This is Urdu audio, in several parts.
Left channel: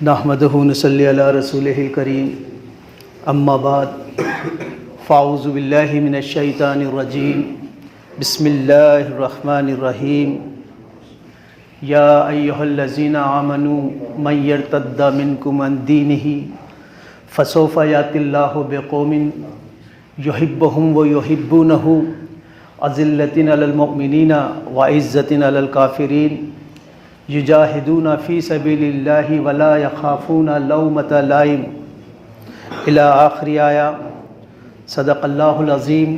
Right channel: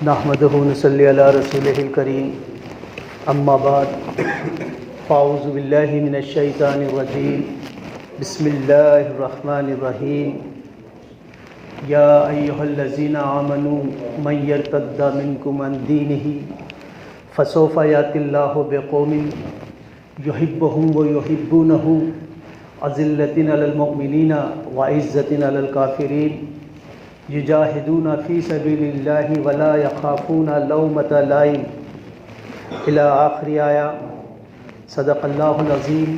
نحمدہ نصلی علی رسولہ الکریم اما بعد فاعوذ باللہ من الشیطان الرجیم بسم اللہ الرحمن الرحیم یا ایہا الذین آمنوا من یرتد منکم عن دینہ فسوف یأتی اللہ بقوم یحبہم ویحبونہ اذلۃ علی المؤمنین وعزۃ علی الکافرین یجاہدون فی سبیل اللہ ولا یخافون لومۃ لائم الی آخر آیہ۔ صدق اللہ العظیم۔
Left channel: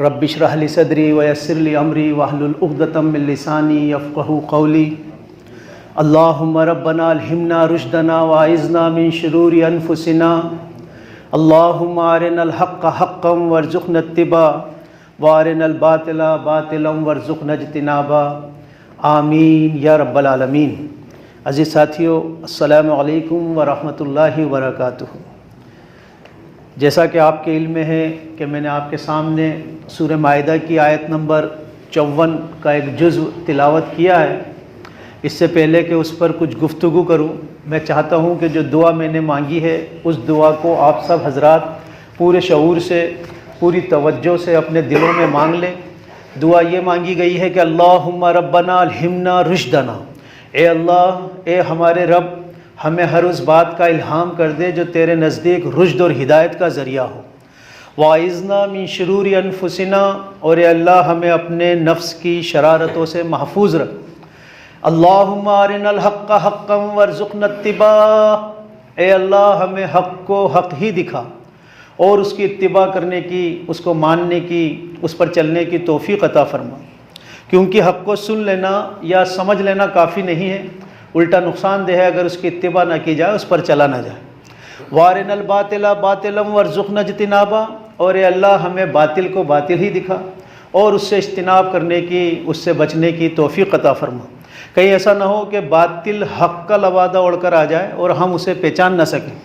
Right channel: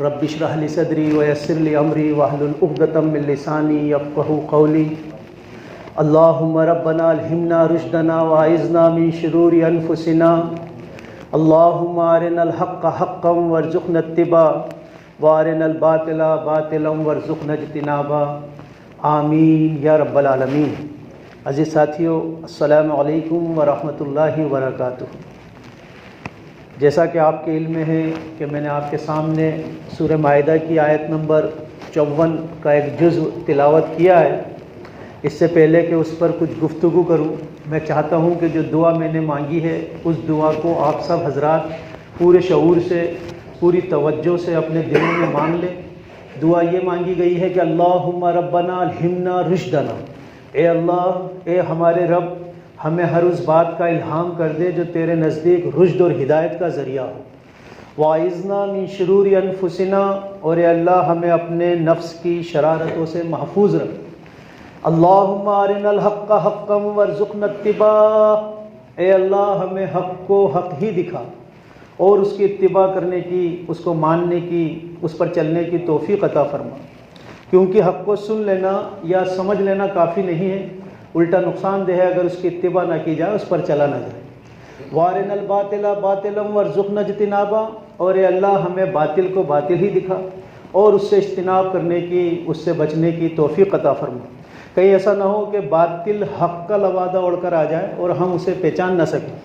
رب اشرح لی صدری ویسر لی امری واحلل عقدۃ من لسانی یفقہوا قولی۔ اللہم ربنا الہمنا رشدنا واعذنا من شرور انفسنا۔ اللہم ارنا الحق حقا وارزقنا اتباعہ وارنا الباطل باطلا وارزقنا اجتنابہ، آمین یا رب العالمین۔ عزیز ساتھیو، السلام علیکم ورحمۃ اللہ وبرکاتہ۔ جیسا کہ آپ کے علم میں ہے کہ میں نے آپ کے سامنے سورہ مائدہ کی آیت نمبر 54 کا ایک جزء تلاوت کیا ہے۔ اس سے پہلے کہ اس پر کچھ گفتگو کروں، میں چاہتا ہوں کہ جو دعا میں نے مانگی ہے اس دعا کو آپ سب حضرات پورے شعور سے، پوری توجہ سے اپنے دلوں میں مانگ لیں۔ دعا یہ مانگی گئی ہے کہ اللہم ربنا الہمنا رشدنا، اے اللہ، اے ہمارے رب، ہمیں ہر اس بات کا الہام کر دے جو تیرے نزدیک رشد اور ہدایت کا ذریعہ ہو۔ واعذنا من شرور انفسنا، اور اے اللہ ہمیں اپنے نفس کی شرارتوں سے محفوظ رکھ۔ اللہم ارنا الحق حقا وارزقنا اتباعہ، اے اللہ ہمیں حق کو حق ہی دکھا اور اس کی اتباع کرنے کی، اس کو ماننے کی، اس پر چلنے کی توفیق عطا فرما، کیونکہ حق کو سن لینا یا سمجھ لینا کافی نہیں ہے، الٹا نقصان دہ ہے اگر اس کی اتباع نہ کی جائے، اس پر چلا نہ جائے۔ وارنا الباطل باطلا وارزقنا اجتنابہ، اور اے اللہ ہمیں باطل کو باطل ہی دکھا اور اس سے اجتناب کرنے کی، اس سے بچنے کی توفیق عطا فرما۔ کہیں ایسا نہ ہو کہ باطل حق کا لبادہ اڑ کر آ جائے اور ہم اسے پہچان نہ سکیں،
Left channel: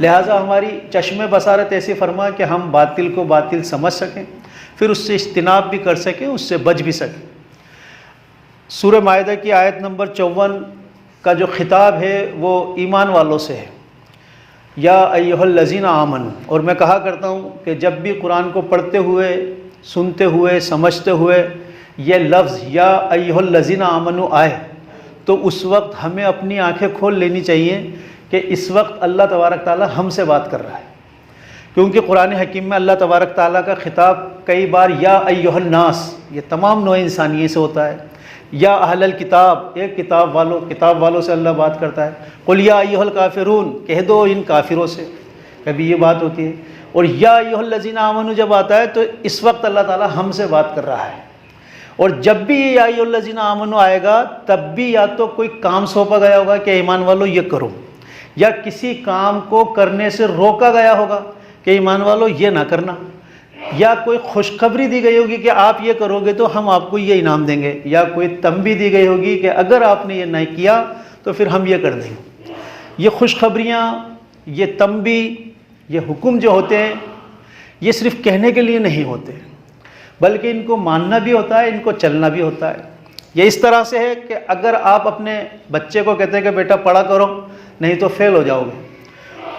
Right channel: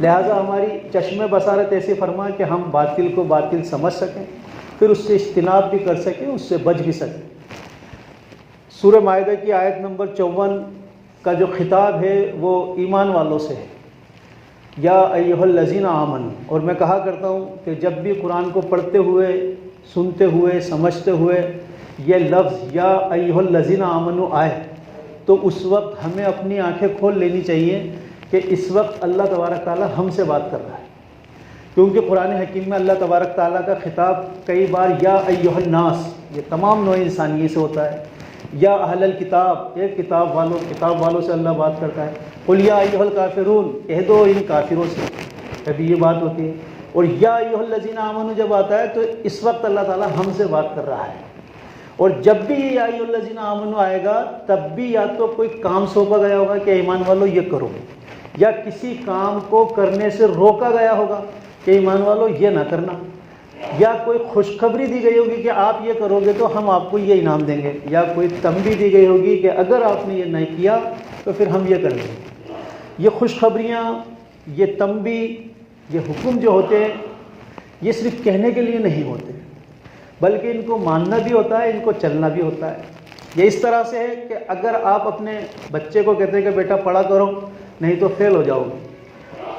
لہٰذا ہماری چشم بصارت ایسی فرما کہ ہم باطل کو باطل سمجھ سکیں، پھر اس سے اجتناب بھی کر سکیں، اس سے بچ بھی سکیں۔ سورہ مائدہ کی آیت نمبر 54 کا جو خطاب ہے وہ ایمان والوں سے ہے، یا ایہا الذین آمنوا۔ اور میں کہا کرتا ہوں کہ جب بھی قرآن کو پڑھتے ہوئے، سنتے ہوئے، سمجھتے ہوئے یہ لفظ یا ایہا الذین آمنوا آئے تو اس وقت ہمیں اپنی آنکھیں کھول لینی چاہیے کہ اس وقت اللہ تبارک تعالیٰ ہم سے بات کر رہا ہے، کیونکہ قرآن حکیم میں اللہ تبارک تعالیٰ کا خطاب کئی بار یا ایہا الناس، یہ تمام نوع انسانیت سے ہوتا ہے، یا اہل الکتاب، ایک کتاب والوں سے اللہ بات کرتا ہے، قل یا ایہا الکافرون، کہہ دو ان کافروں سے، کبھی یہ بات ہوتی ہے، اور یا ایہا الذین آمنوا جب آتا ہے تو اس وقت اللہ تعالیٰ ہم سے بات کر رہا ہے۔ اور جب بھی یا ایہا الذین آمنوا آئے گا تب بھی یا تو کوئی کام سونپا گیا ہوگا کہ ایمان والو یہ کرو، یا کسی کام کو کرنے سے روکا گیا ہوگا کہ ایمان والو یہ نہ کرنا، یا کوئی خوشخبری دی گئی ہوگی کہ آپ یہ کرو گے تو ہم آپ کو یہ انعام دیں گے، یا کوئی تنبیہ دی گئی ہوگی کہ اگر آپ نے یہ نہیں کیا تو پھر ہم یہ کر دیں گے۔ یہ خوشخبریاں، یہ تنبیہ، یہ حکم جو ہوتے ہیں یہ صرف کہنے کے لیے نہیں ہوتے، بلکہ ان کو ماننا بھی ہوتا ہے، ان کو چلنا بھی ہوتا ہے۔ یہ اس طرح سے ہے کہ اگر آپ اپنے بچے کو کہتے ہیں کہ بیٹا پڑھا کرو نہیں تو فیل ہو جاؤ گے،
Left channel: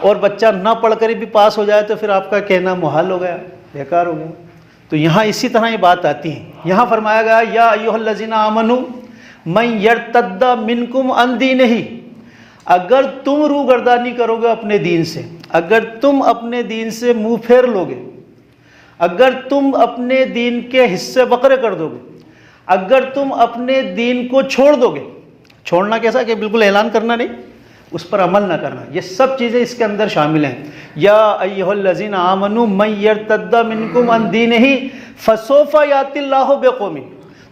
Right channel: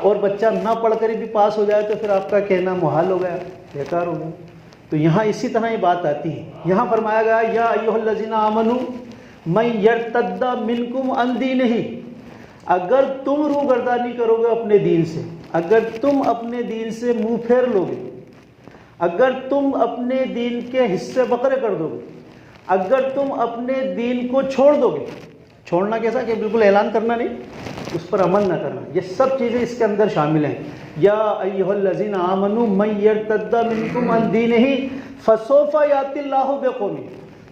اور بچہ نہ پڑھ کر بھی پاس ہو جائے تو پھر آپ کا کہنا محال ہو گیا، بیکار ہو گیا۔ تو یہاں اسی طرح یہ بات آتی ہے۔ یہاں فرمایا گیا یا ایھا الذین آمنوا من یرتد منکم عن دینہ، اگر تم روگردانی کرو گے اپنے دین سے، اگر تم اپنے دین سے منہ پھیر لو گے، اگر تم اپنے دین کے حصے بقرے کر دو گے، اگر تم اپنے دین کو چھوڑ دو گے، چھوڑنا کیسا کہ بالکل اعلان کرنا نہیں، اس پر عمل نہ کرنا، یہ سب چیزیں اس کے اندر شامل ہیں۔ یا ایھا الذین آمنوا من یرتد منکم عن دینہ فسوف یأتی اللہ بقوم،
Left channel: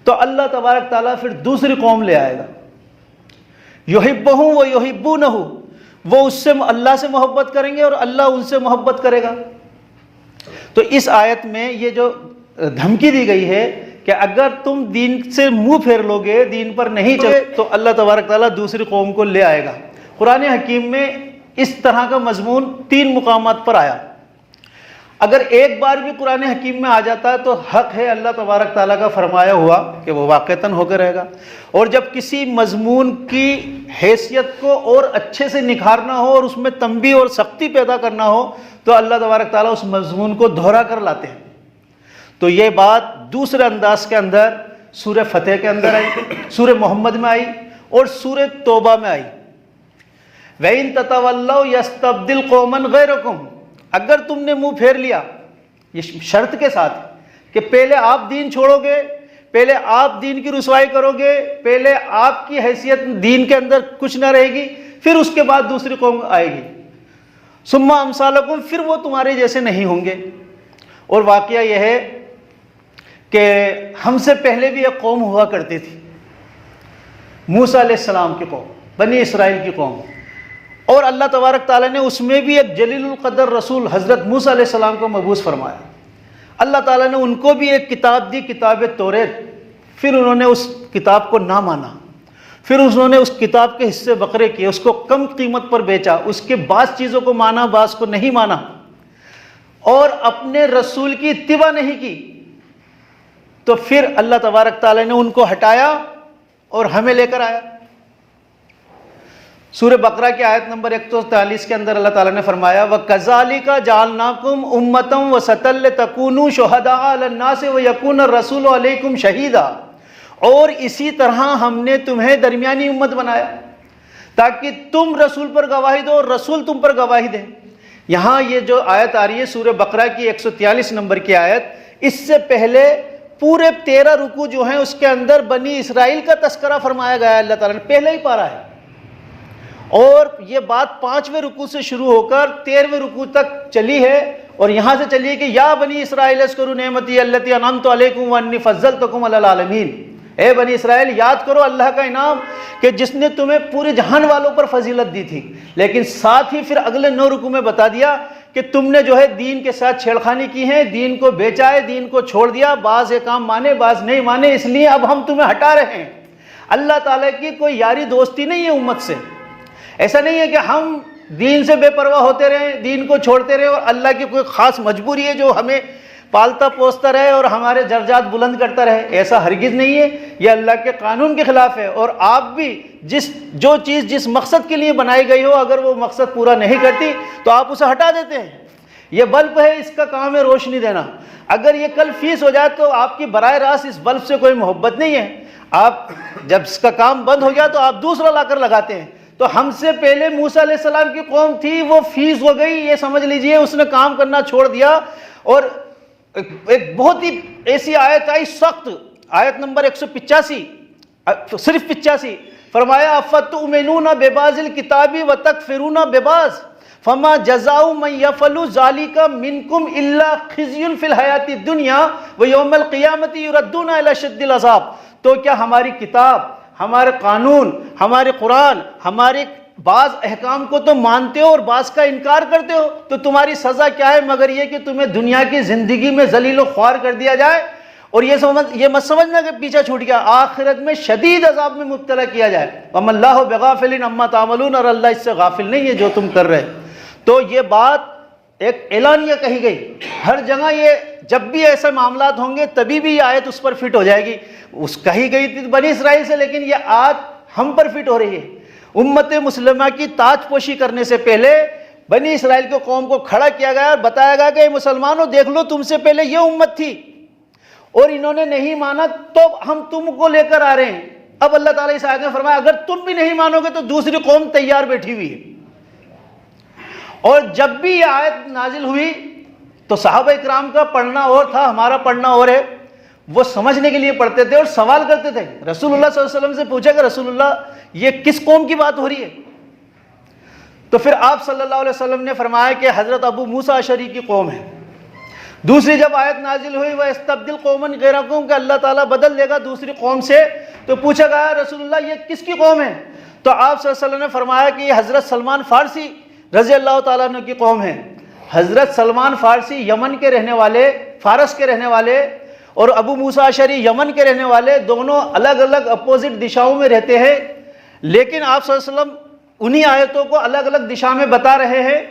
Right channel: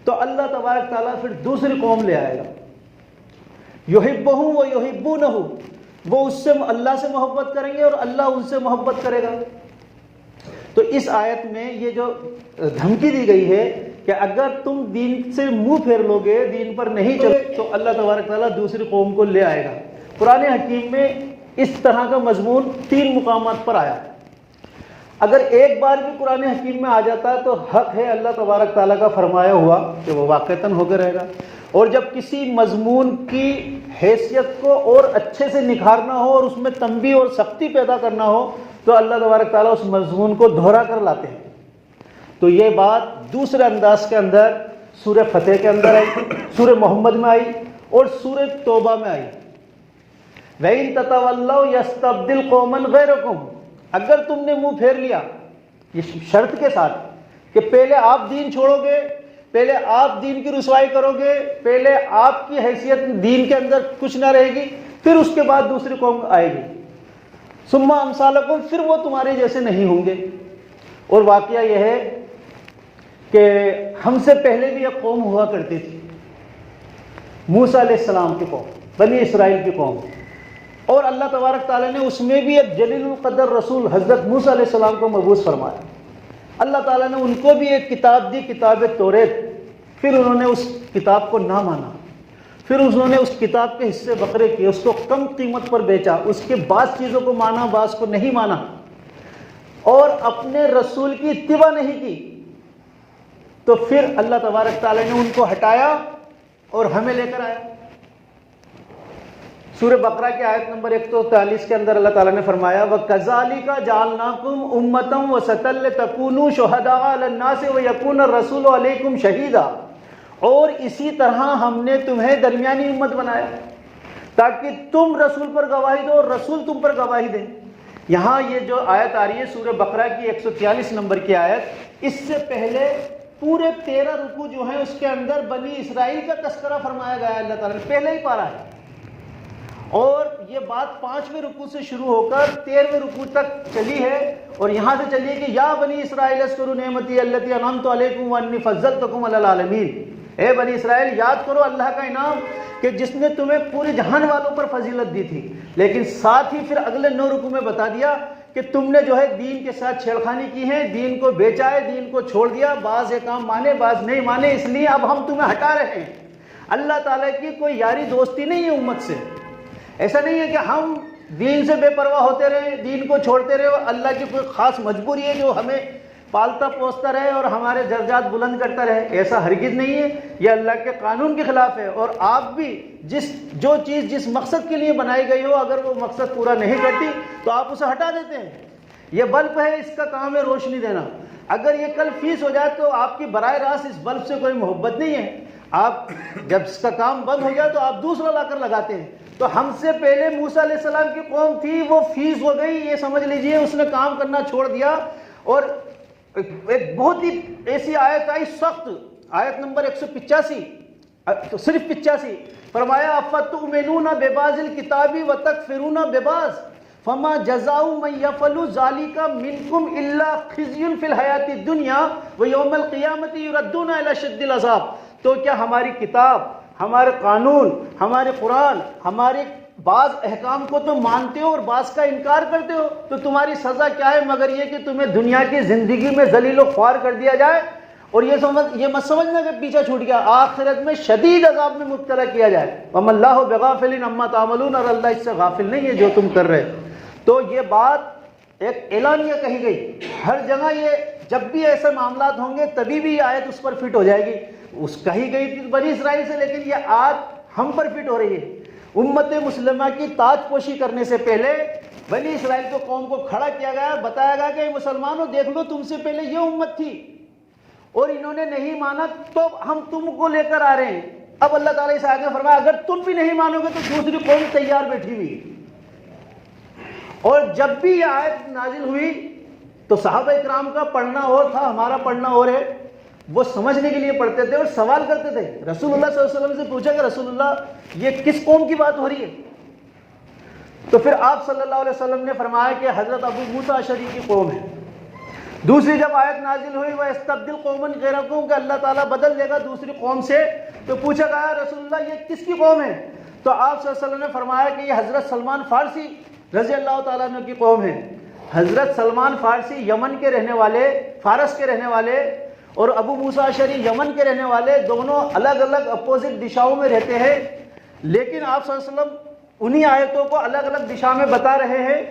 تو اللہ تبارک تعالیٰ پھر دوسری قوم لے آئے گا، یحبہم ویحبونہ، وہ اس سے، اللہ سے محبت کریں گے اور اللہ ان سے محبت کرے گا۔ تو اس آیت میں یہ جو دھمکی دی گئی ہے کہ اگر تم دین سے منہ پھیر لو گے، دین پر نہیں چلے تو اللہ تبارک تعالیٰ دوسری قوم کو لے آئے گا۔ قرآن حکیم میں اس طرح کا مضمون 3 مقامات پر آیا۔ اگر ایک بار بھی قرآن حکیم میں آ جاتا ہے تو حق ہے اللہ تبارک تعالیٰ کا فرمایا ہوا کہ وہ واقعتاً ہو کے رہے گا. اور جب کسی مضمون کی حیثیت کو اور اچھے سے نکھارنا ہو اور اس میں تنبیہ اور سختی پیدا کرنا ہو تو اللہ تبارک تعالیٰ اس مضمون کو دہرا کر لاتے ہیں. تو یہ بات دوسرے انداز کے اندر سورہ فتح کے اندر آئی، سورہ محمد میں آئی اور سورہ توبہ میں آئی. وَإِن تَتَوَلَّوْا يَسْتَبْدِلْ قَوْمًا غَيْرَكُمْ، اگر تم نے منہ پھیر لیا، یہ شرط کے ساتھ کہ پہلے آپ دین چھوڑو گے، پہلے آپ دین کی رسوائی کرو گے، پہلے آپ کی حیثیت دین کے اندر کچھ نہ رہے گی، پھر اس کے بعد دوسری قوم آئے گی. ثُمَّ أَمْثَالُكُمْ، پھر وہ تمہارے جیسے نہیں ہوں گے. اور واقعہ یہ ہے کہ ہم سے پہلے بھی ایک قوم ہوا کرتی تھی، موسیٰ علیہ السلام کی قوم، بنی اسرائیل کی قوم. اور اللہ تبارک تعالیٰ نے اس میں بھی ایک جلیل القدر رسول حضرت موسیٰ علیہ السلام کو مبعوث فرمایا. اللہ تعالیٰ نے ان کو بھی ایک کتاب دی، کتاب توریت. پھر انہوں نے اس کتاب کو نہ مانا، پھر انہوں نے اس کتاب کے حصے بکرے کیے، اس کو کم قیمت پر بیچا، اس کے بعض چیزوں کو مانا، بعض کو نہیں مانا، اور اپنے رسول کی اتباع نہیں کی. تو پھر اللہ تبارک تعالیٰ نے ان کو ہٹایا اور ہمیں لے کر آیا. سورہ بقرہ کی آیت نمبر 143 کے اندر اللہ تعالیٰ نے فرمایا وَكَذَلِكَ جَعَلْنَاكُمْ أُمَّةً وَسَطًا لِتَكُونُوا شُهَدَاءَ عَلَى النَّاسِ وَيَكُونَ الرَّسُولُ عَلَيْكُمْ شَهِيدًا، اور اسی طرح ہم نے تمہیں درمیانی امت بنایا تاکہ تم رسول پر گواہی دو اور رسول تم پر گواہی دے. یہاں یہ جو آیت آ رہی ہے سورہ بقرہ کی 143 نمبر کی آیت، اس سے پہلے پورے 13 رکوع جو ہیں اس کے اندر بنی اسرائیل کا تذکرہ فرمایا گیا ہے اللہ تعالیٰ نے، پہلے ہی پارا ہے. اور یہ بات 5ویں رکوع سے شروع ہو کر 13ویں رکوع تک چلی ہے، اور یہاں سے چلی ہے کہ یا بنی اسرائیل اذکروا نعمتی التی انعمت علیکم وانی فضلتکم علی العالمین. اے بنی اسرائیل یاد کرو اللہ کا انعام کہ جس نے تمہیں پورے جہان والوں پر فضیلت دی تھی. لیکن ساتھ ہی پھر اگلے 9 رکوع میں بتا دیا کہ تم نے جو ہے دین کے ساتھ چھیڑخانی کی ہے، دین کو بیچا ہے، دین کو چھوڑ دیا، بعض کام مانے بعض نہیں مانے، اس لیے اب ہم تمہیں ہٹا رہے ہیں. اللہ تعالیٰ کی کوئی یاری دوستی نہیں ہے امت سے. ایسا نہیں ہے کہ ہم دین سے بے پرواہ ہوتے رہیں، دین کو چھوڑتے رہیں، اور اللہ کی کوئی خاص مجبوری ہے جو ہمیں پالتا پوستا رہے اور ہمارے درجات بلند کرتا رہے. ایسا ہرگز نہیں ہے، یہ اللہ کے قانون کے خلاف ہے. اور آپ بھی جو چیز جس مقصد کے لیے بنائی گئی ہو اگر وہ مقصد پورا نہیں کرتی تو آپ اسے ہٹا دیتے ہیں. یہ بلب ہے، اس کا کام ہے روشنی دینا. اگر یہ کل فیس ہو جائے تو آپ کی براہ راست اس بلب سے کوئی محبت نہیں ہے. آپ جب اس کا کام بند ہو گیا تو آپ دوسرا لا کر لگاتے ہیں. تو ہم سے پہلے موسیٰ علیہ السلام کی قوم تھی، وہ فیس ہو گئی، یہ سمجھ لیجئے اس نے کام کرنا چھوڑ دیا. اور ایک بہت ہی ایسی آیت آئی سخت، آیت نمبر 185، صرف 85، فرمایا افتؤمنون ببعض الکتاب وتکفرون ببعض فما جزاء من يفعل ذلك منكم الا خزي في الحیاۃ الدنیا ویوم القیامۃ یردون الی اشد العذاب. تو کیا ہماری کتاب، ہمارے قانون، ہمارے قرآن، ہمارے بعض احکام کو تو مانتے ہو اور بعض کا انکار کرتے ہو، تو تمہاری سزا کیا ہے مگر یہ کہ تمہیں دنیا کی زندگی میں ذلیل و خوار کر دیا جائے، اور یہ مت سمجھنا کہ پیچھے چھوٹ گیا، آخرت میں شدید عذاب میں مبتلا کیا جائے. وَمَا اللَّهُ بِغَافِلٍ عَمَّا تَعْمَلُونَ، اور اللہ اس سے غافل نہیں ہے جو تم کر رہے. تو یہ بات ایک اعلانیہ کہی گئی. ہر جگہ یہ جب بھی ایسے معاملات ہوں گے تبھی بھی یہ آیت اس پر فٹ ہو جائے گی. اس کہی گئی تھی بنی اسرائیل سے، لیکن یہ آج ہم پر فٹ ہو رہی ہے. امت مسلمہ کی تاج پوشی کرنے سے پہلے بنی اسرائیل کو قوم کو کھڑا کیا گیا اور بتایا گیا کہ مسلمانوں دیکھ لو تم سے پہلے یہ امت تھی اور انہوں نے نہیں مانا تو ہم تم کو لے کر آ رہے ہیں. اب اللہ تعالیٰ اس آیت میں فرمایا اگر تم بھی نہیں مانو گے تو دوسری قوم تیار بیٹھی ہوئی ہے. اور جب بھی یہ آیت نازل ہوئی تو صحابہ اکرام کا پڑھنا اور تھا، ہمارا پڑھنا اور ہے. وہ سمجھنے کے لیے پڑھتے تھے اور سوال کرتے تھے. رسول اللہ صلی اللہ علیہ وسلم سے پوچھا کہ رسول اللہ یہ کس قوم کی بات ہو رہی ہے؟ تو پھر آپ صلی اللہ علیہ وسلم نے فرمایا کہ حضرت ابو موسیٰ اشعری کی قوم ہے. دوسری جب آیت نازل ہوئی وَيَسْتَبْدِلْ قَوْمًا غَيْرَكُمْ کہ اللہ تعالیٰ بدل دے گا دوسری قوم سے، تو پوچھا گیا رسول اللہ یہ کس کی قوم ہے؟ تو آپ صلی اللہ علیہ وسلم نے فرمایا کہ یہ حضرت سلمان فارسی رضی اللہ تعالیٰ عنہ کی قوم ہے. حضرت سلمان فارسی یمن کے رہنے والے، فارس کے رہنے والے، اور ابو موسیٰ اشعری یمن کے رہنے والے، دونوں الگ الگ اپوزٹ دشاؤں میں رہتے ہیں، لیکن آپ صلی اللہ علیہ وسلم انہی آیتوں کو الگ الگ دشا میں بتا رہے ہیں.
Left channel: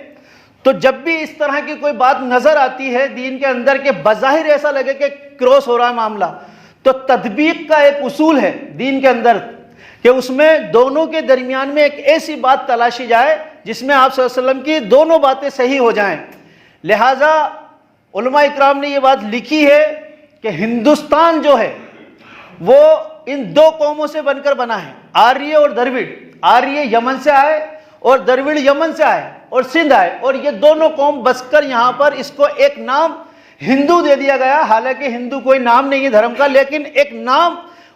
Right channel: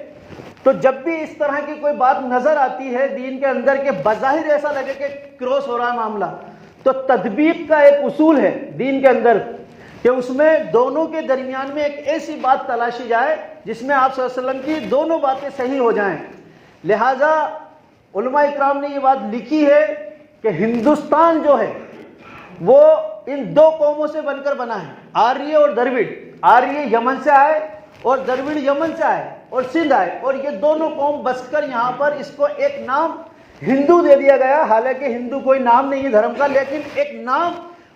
تو جب بھی اس طرح کی کوئی بات نظر آتی ہے دین کے اندر کہ بظاہر ایسا لگے کہ کراس ہو رہا ہے معاملہ، تو تطبیق کا ایک اصول ہے دین کے اندر کہ اس میں دونوں کے درمیان میں ایک ایسی بات تلاشی جائے جس میں آپ صلی اللہ علیہ وسلم کی دونوں باتیں صحیح ہو جائیں۔ لہٰذا علماء اکرام نے یہ بات لکھی ہے کہ ہندوستان جو ہے وہ ان دو قوموں سے بن کر بنا ہے، آریہ اور دروڑ۔ آریہ یمن سے آئے اور دروڑ یمن سے آئے اور سندھ آئے، اور یہ دونوں قوم بس کر یہاں پر اس کو ایک نام ہندو دے دیا گیا۔ حالانکہ ہندو کوئی نام نہیں ہے دھرم کا، لیکن ایک نام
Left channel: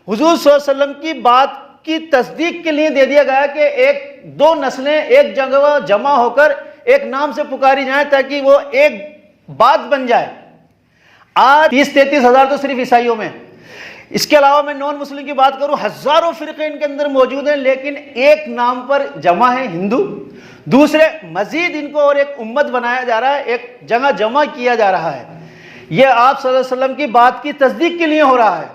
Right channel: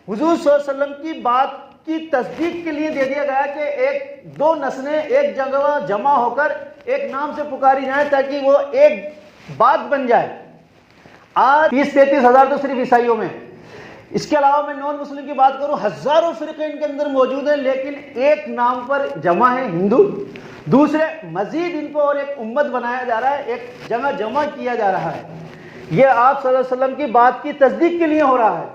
حضور صلی اللہ علیہ وسلم کی بات کی تصدیق کے لیے دے دیا گیا کہ ایک دو نسلیں ایک جگہ جمع ہو کر ایک نام سے پکاری جائیں تاکہ وہ ایک بات بن جائے۔ آج 30-33 ہزار تو صرف عیسائیوں میں، اس کے علاوہ میں نان مسلم کی بات کروں ہزاروں فرقے ان کے اندر موجود ہیں، لیکن ایک نام پر جمع ہے ہندو۔ دوسرے مزید ان کو اور ایک امت بنایا جا رہا ہے، ایک جگہ جمع کیا جا رہا ہے۔ یہ آپ صلی اللہ علیہ وسلم کی بات کی تصدیق کے لیے ہو رہا ہے۔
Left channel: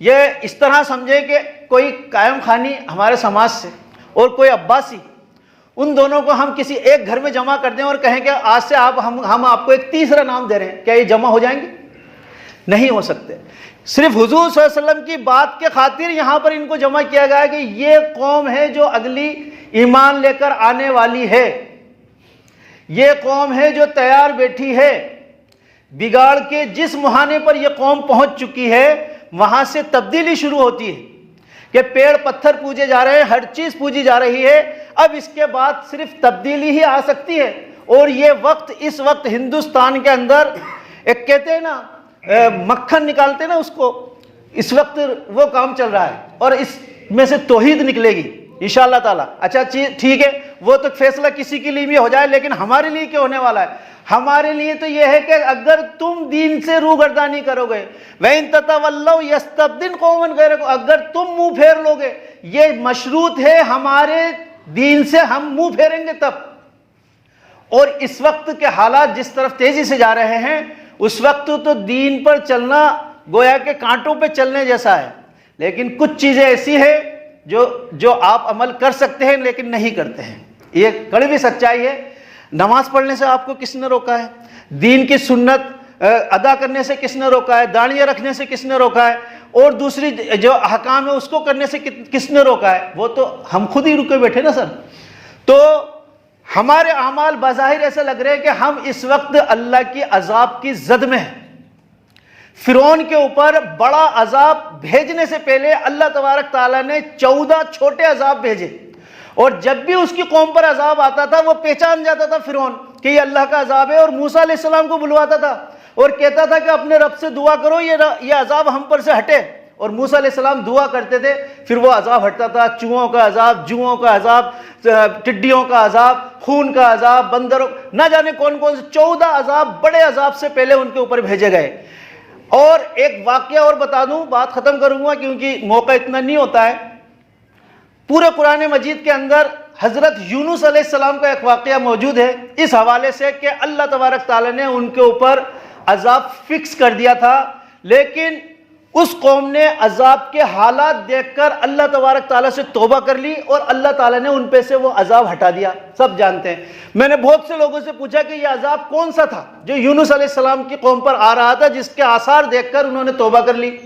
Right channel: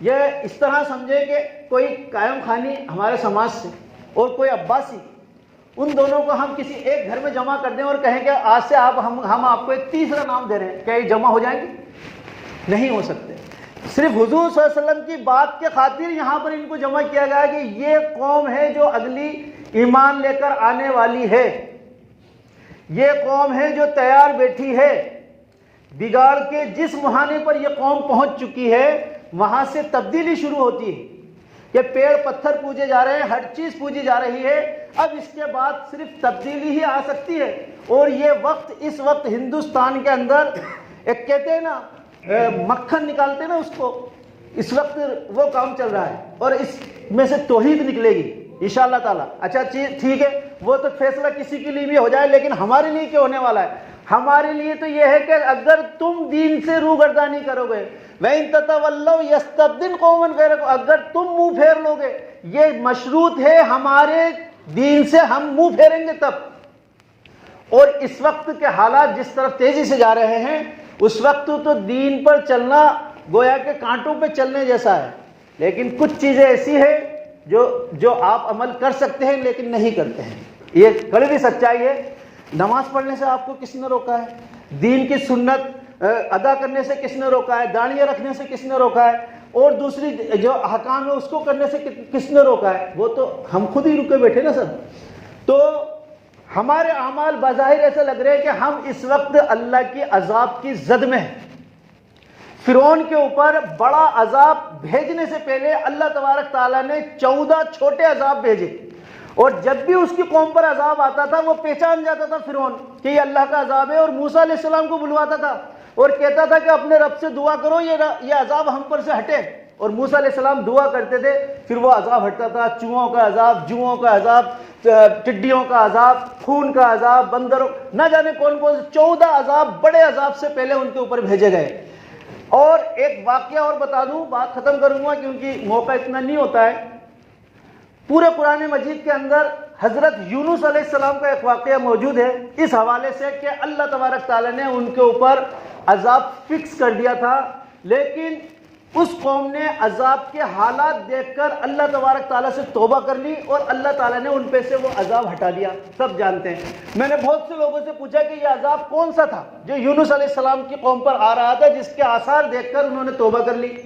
یہ اس طرح سمجھیں کہ کوئی قائم خانی ہمارے سماج سے اور کوئی عباسی، ان دونوں کو ہم کسی ایک گھر میں جمع کر دیں اور کہیں کہ آج سے ہم آپ کو ایک تیسرا نام دے رہے ہیں، کیا یہ جمع ہو جائیں گے؟ نہیں ہو سکتے۔ صرف حضور صلی اللہ علیہ وسلم کی بات کے خاطر یہاں پر ان کو جمع کیا گیا کہ یہ قوم ہے جو اگلی ایمان لے کر آنے والی ہے، یہ قوم ہے جو تیار بیٹھی ہے۔ بگاڑ کے جس مہانے پر یہ قوم پہنچ چکی ہے وہاں سے تبدیلی شروع ہوتی ہے کہ پیڑ پتھر پوجے جا رہے ہیں، ہر چیز پوجی جا رہی ہے۔ اب اس کے بعد صرف تبدیلی ہی آ سکتی ہے، اور یہ وقت اس وقت ہندوستان کے اندر ایک کہتے ہیں نا مکھن نکالتے نا، اس کو اس وقت وہ کام چل رہا ہے، اور اس میں سے توحید نکلے گی انشاءاللہ تعالیٰ۔ اچھا ٹھیک ہے، وہ تو فیصلہ کسی کے لیے بھی ہو جائے، لیکن ہمارے لیے کیا ہونے والا ہے؟ ہمارے لیے تو یہ ہے کہ اگر تم دین سے روگردانی کرو گے، وَإِن تَتَوَلَّوْا يَسْتَبْدِلْ قَوْمًا غَيْرَكُمْ، اگر تم منہ پھیر لو گے، یہ مشروط ہے ہمارے دین سے ہم منہ پھیریں گے تب۔ اور اس وقت کے حالات جس طرف تیزی سے جا رہے ہیں، اس وقت تو دین پر چلنا گویا کہ کانٹوں پہ چلنے جیسا ہے، لیکن کچھ چیزیں ایسی ہیں جو آپ عمل کر سکتے ہیں لیکن نہیں کرتے ہیں۔ یہ کڑوی سچائی ہے۔ نماز پڑھنے سے آپ کو کس نے روکا ہے؟ دین کی سنت ادا کرنے سے کس نے روکا ہے؟ داڑیاں رکھنے سے کس نے روکا ہے؟ اور دوسری جو احکام ہے اس کو کرنے سے کس نے روکا ہے؟ وہ تو ہم خود ہی رکے بیٹھے نا سب۔ تو ہمارے اعمال بظاہر ایسے لگ رہے ہیں کہ ہم اس وقت اللہ کی عذاب کی زد میں ہیں۔ فرعون کے اوپر بڑا عذاب بھیجنے سے پہلے اللہ تبارک تعالیٰ نے 14 چھوٹے عذاب بھیجے، اور جب بھی اس کی قوم پر عذاب آتا تھا وہ پہچان جاتا تھا فرعون کہ یہ اللہ کا عذاب ہے، اور موسیٰ علیہ السلام کو بلواتا تھا اور کہتا تھا کہ اپنے رب سے دعا کرو یہ عذاب ہم پر سے ہٹے، اور موسیٰ علیہ السلام دعا کرتے تھے، پھر وہ عذاب ہٹتا تھا۔ چوہوں کا عذاب، جوؤں کا عذاب، ٹڈیوں کا عذاب، خون کا عذاب، بندروں، نہ جانے کون کون سے 14 عذاب بڑے عذاب سے پہلے ان کے اوپر بھیجے گئے۔ اور ایک واقعہ اور بتا دوں، بات ختم کروں گا کیونکہ موقع اتنا نہیں ہوتا ہے۔ پورے قرآن مجید کے اندر حضرت یونس علیہ السلام کا ایک واقعہ موجود ہے اس حوالے سے کہ اللہ تبارک تعالیٰ نے ان کے اوپر عذاب فکس کر دیا تھا، لیکن اس قوم نے عذاب کے حالات دیکھ کر اللہ تبارک تعالیٰ سے توبہ کر لی، اور اللہ تعالیٰ نے ان پہ سے وہ عذاب ہٹا دیا۔ سب جانتے ہیں۔ میں نے بہت سے لوگوں سے پوچھا کہ یہ عذاب کون سا تھا جو یونس علیہ السلام کی قوم پر آ رہا تھا جس کے آثار دیکھ کر انہوں نے توبہ کر لی؟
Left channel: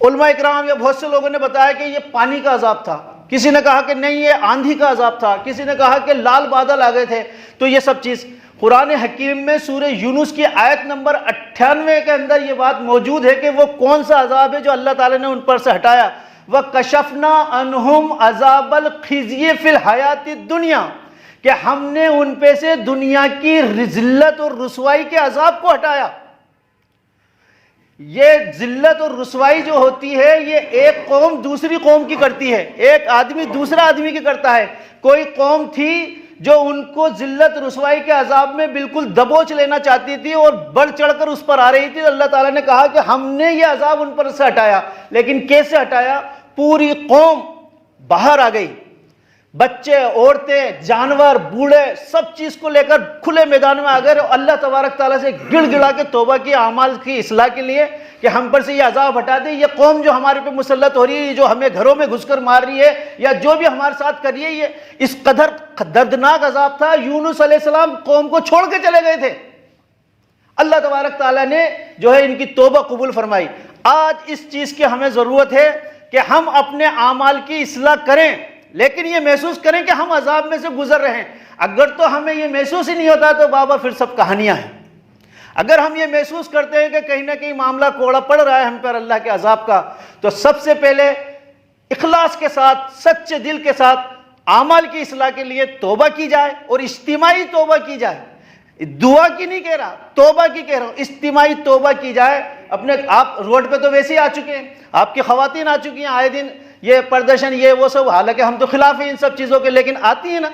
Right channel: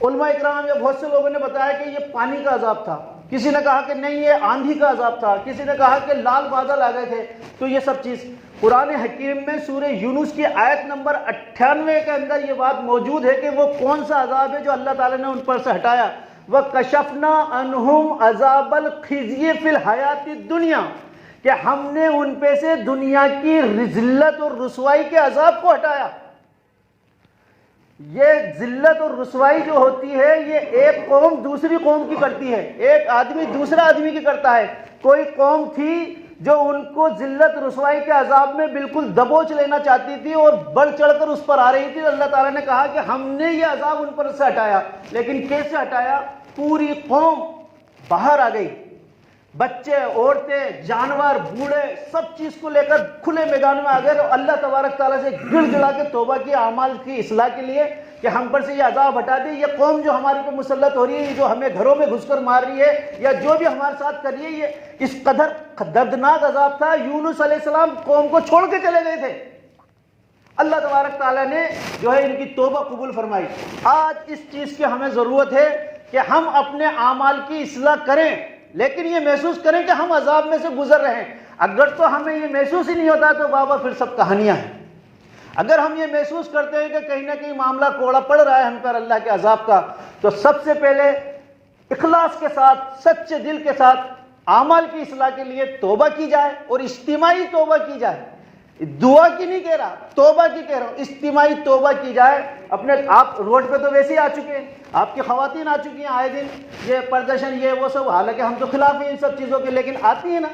علماء اکرام یا بہت سے لوگوں نے بتایا کہ یہ پانی کا عذاب تھا، کسی نے کہا کہ نہیں یہ آندھی کا عذاب تھا، کسی نے کہا کہ لال بادل آ گئے تھے۔ تو یہ سب چیز قرآن حکیم میں سورہ یونس کی آیت نمبر 98 کے اندر یہ بات موجود ہے کہ وہ کون سا عذاب ہے جو اللہ تعالیٰ نے ان پر سے ہٹایا۔ وَكَشَفْنَا عَنْهُمْ عَذَابَ الْخِزْيِ فِي الْحَيَاةِ الدُّنْيَا، کہ ہم نے ان پہ سے دنیا کی ذلت اور رسوائی کے عذاب کو ہٹایا۔ یہ ذلت اور رسوائی جو ہوتی ہے یہ ایک قوم دوسری قوم کی کرتی ہے، ایک آدمی دوسرا آدمی کی کرتا ہے۔ کوئی قوم تھی جو ان کو ذلت رسوائی کے عذاب میں بالکل دبوچ لینا چاہتی تھی اور بڑھ چڑھ کر اس پر آ رہی تھی، اللہ تعالیٰ نے کہا کہ ہم نے یہ عذاب ان پر سے ہٹایا۔ لیکن کیسے ہٹایا؟ پوری قوم باہر آ گئی، بچے، عورتیں، جانور، بوڑھے سب چیز کو لے کر کھلے میدان میں آ گئے اور اللہ تبارک تعالیٰ سے گڑ گڑا کے توبہ کی، اعمال کی اصلاح کے لیے کہ ہم پر سے یہ عذاب ہٹا دے، یہ قوم جو ہمارے پہ مسلط ہو رہی ہے، یہ جو ہمیں گھروں میں گھس کر مار رہی ہے یا جو بھی ہمارے ساتھ کر رہی ہے، یہ اس قدر دردناک عذاب تھا۔ یونس علیہ السلام قوم کو چھوڑ کے چلے گئے تھے، اللہ تبارک تعالیٰ نے جو ہے ان کی توبہ قبول فرمائی۔ آج اس چیز کی ہمیں ضرورت ہے کہ ہم اپنے اعمال کی اصلاح کریں، لیکن یہ محسوس کریں کہ ہم عذاب میں سے گزر رہے ہیں۔ اگر تو ہمیں یہ محسوس ہی نہیں ہوتا تو بابا پھر سب کہانیاں ہیں۔ اگر ہم یہ محسوس کرتے ہیں کہ کہیں نہ کہیں معاملہ کوڑا پڑ رہا ہے ہم پر اللہ کے عذاب کا، تو سب سے پہلے اخلاص کے ساتھ، سچے دل کے ساتھ اعمال کی اصلاح کے لیے توبہ کی جائے، اور اجتماعی توبہ کی جائے۔ دعا کی نہیں کہہ رہا، توبہ کی کہہ رہا ہوں، اجتماعی توبہ کی جائے۔ اپنے آپ روڈ پہ تو ویسے ہی آ چکے ہیں، آپ کی خواتین آ چکی ہیں آئے دن، یہ پردرشن یہ وہ سب، حالانکہ ہم تو خلاف ہیں ان سب چیزوں کے، لیکن آتی ہیں نا۔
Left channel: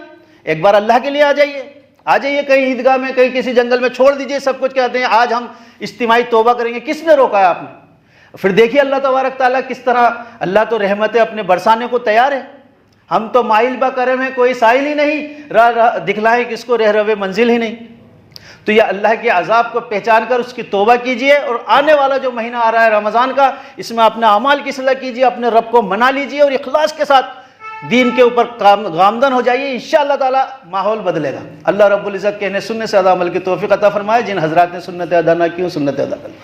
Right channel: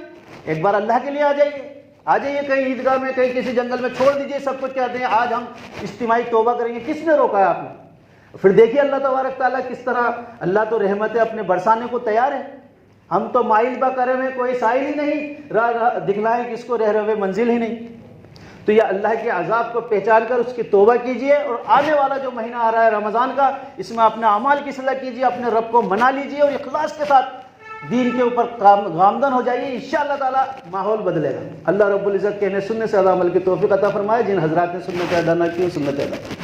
ایک بار اللہ کے لیے آ جائیے کہیں عیدگاہ میں، کہیں کسی جنگل میں، چھوڑ دیجئے سب کچھ، کہتے ہیں آج ہم اجتماعی توبہ کریں گے۔ کس نے روکا ہے آپ نے؟ پھر دیکھیے اللہ تبارک تعالیٰ کس طرح، اللہ تو رحمتیں اپنے برسانے کو تیار ہے۔ ہم تو مائل با کرم ہے، کوئی سائل ہی نہیں، دکھلائے کس کو رہ روے منزل ہی نہیں۔ تو یہ اللہ کے عذاب کو پہچان کر اس کی توبہ کیجئے، اور آنے والا جو مہینہ آ رہا ہے رمضان کا، اس میں اپنے اعمال کی اصلاح کیجئے، اپنے رب کو منا لیجئے اور اخلاص کے ساتھ دین کے اوپر گامزن ہو جائیے، انشاءاللہ تعالی ماحول بدلے گا۔ اللہ رب العزت کہنے سننے سے زیادہ عمل کی توفیق عطا فرمائے۔ جن حضرات نے سنت ادا نہ کی وہ سنت ادا کریں۔